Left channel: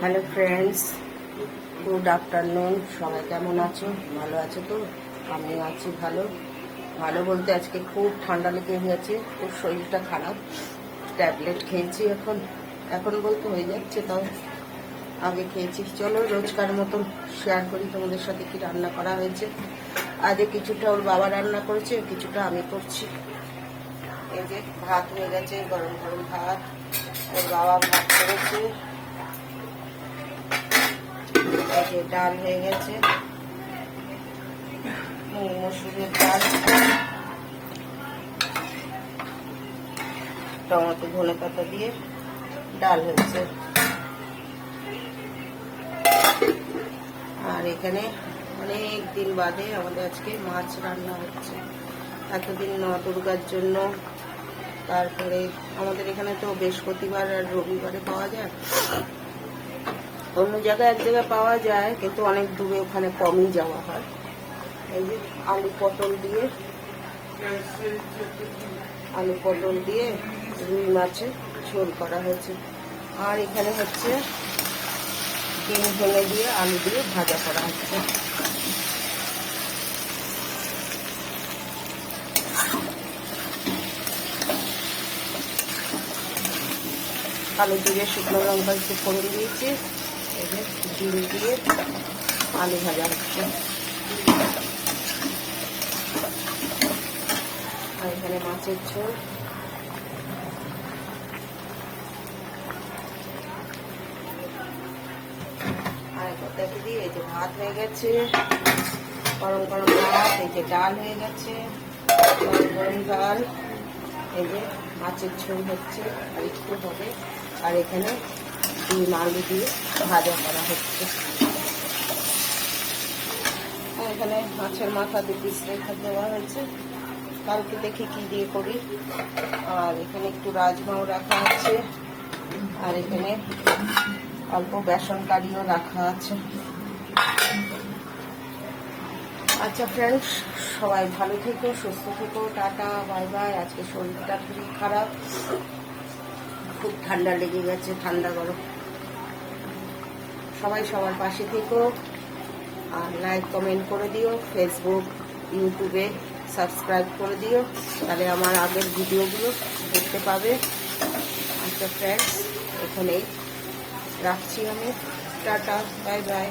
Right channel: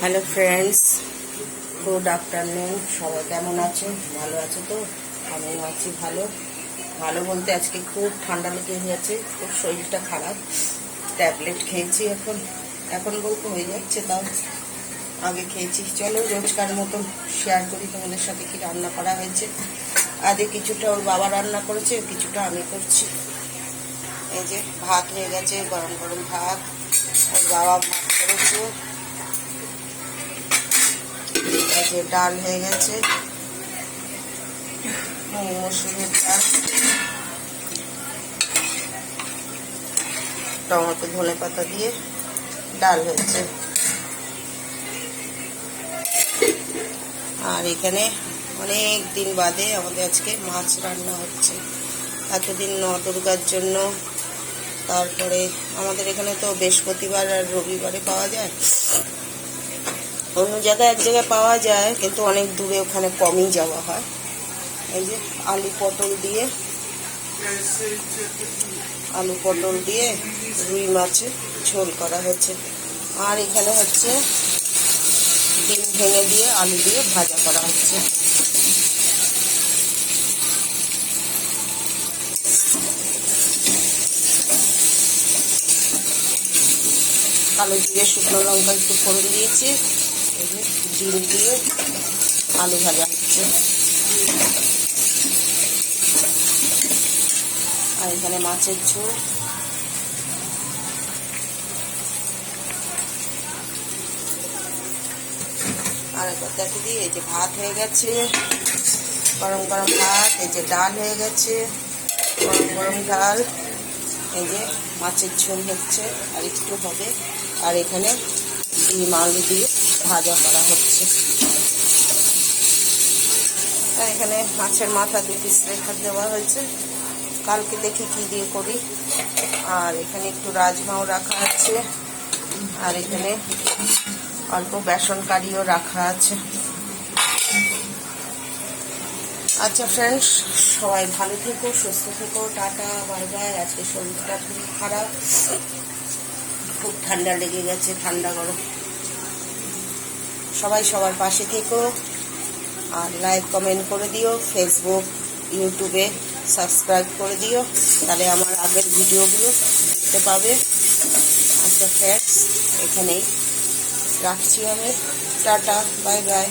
Hello friends, good afternoon. সবাই কেমন আছো? ভালো আছো তো? আমিও আছি ভালো। ভালো বলতে আজকে খুব ঠান্ডা লেগে গেছে, খুব শরীরটা খারাপ। ট্যাবলেট খেয়েছি, এখন এখন বলতে হয়ে যাচ্ছে, তাও আগে খেয়েছি। চলো রোজকার মতন শেয়ার করি তোমাদের সাথে কি রান্না করা হয়েছে। আজকে কিছুটা ওর বাবা রান্না করেছে, কিছুটা আমি করছি। এই যে ভাত হয়ে গেছে, গরম গরম ভাত। ওর বাবা ভাত করেছে। এই যে ডাল হয়ে গেছে, মসুরের ডাল, টমেটো ধনে পাতা দিয়ে ডাল হয়েছে। আর এখানে অনেক দিন বাদে আমাদের আজকে মাছ রান্না হচ্ছে। এতদিন দুর্গার জন্য, তারপরে আমাদের এখানে তো বৃহস্পতিবার আর রবিবারে পাওয়া যায়, অন্য জায়গায় এক জায়গায় পাওয়া যায়, কিন্তু অনেক দূরে, ওখানে কমই যাওয়া হয়। এই যে আলু পটল দিয়ে রুই মাছের ঝোল করা হয়েছে। আর এখানে হচ্ছে ডিম ভেঙে দিয়ে আলু দিয়ে ভাজা করা হচ্ছে। কালো জিরে শুকনো লঙ্কা একটু ফোড়ন দিয়েছি, ডিম দিয়ে আলু ভাজা হচ্ছে। আর এখানে মাছের ঝোল। আর দেখে দিই, এই যে ভাত হয়ে গেছে, গরম গরম ভাত। এই যে ডাল হয়ে গেছে, গরম গরম ডাল। এই যে মাছের ঝোল হচ্ছে, আর একটু হবে। আর এখানে ডিম আলু দিয়ে ভাজা করা হচ্ছে। আর এখানে মাছের মাথা 2 পিস রেখে দেওয়া হয়েছে, কালকে দেখি কি দিয়ে করি। আর এখানে একটু রাজমাও রাখা আছে, আর এখানে অল্প বেসন কারিও রাখা আছে। আচ্ছা ফ্রেন্ডস, সবাই ভালো থেকো, সুস্থ থেকো, টাটা, বাই বাই। আজকে শরীরটা খুবই খারাপ, খুব ঠান্ডা লেগে গেছে, ঠান্ডা গরম। সবাই সবার পাশে থেকো, আর লাইক কমেন্ট করে দিও, ফেসবুক ইউটিউবে সাবস্ক্রাইব করে দিও, তাহলে আমার আগের ভিডিওগুলো দেখতে পাবে। আচ্ছা ফ্রেন্ডস, এখানেই রাখছি আমি, টাটা, বাই বাই।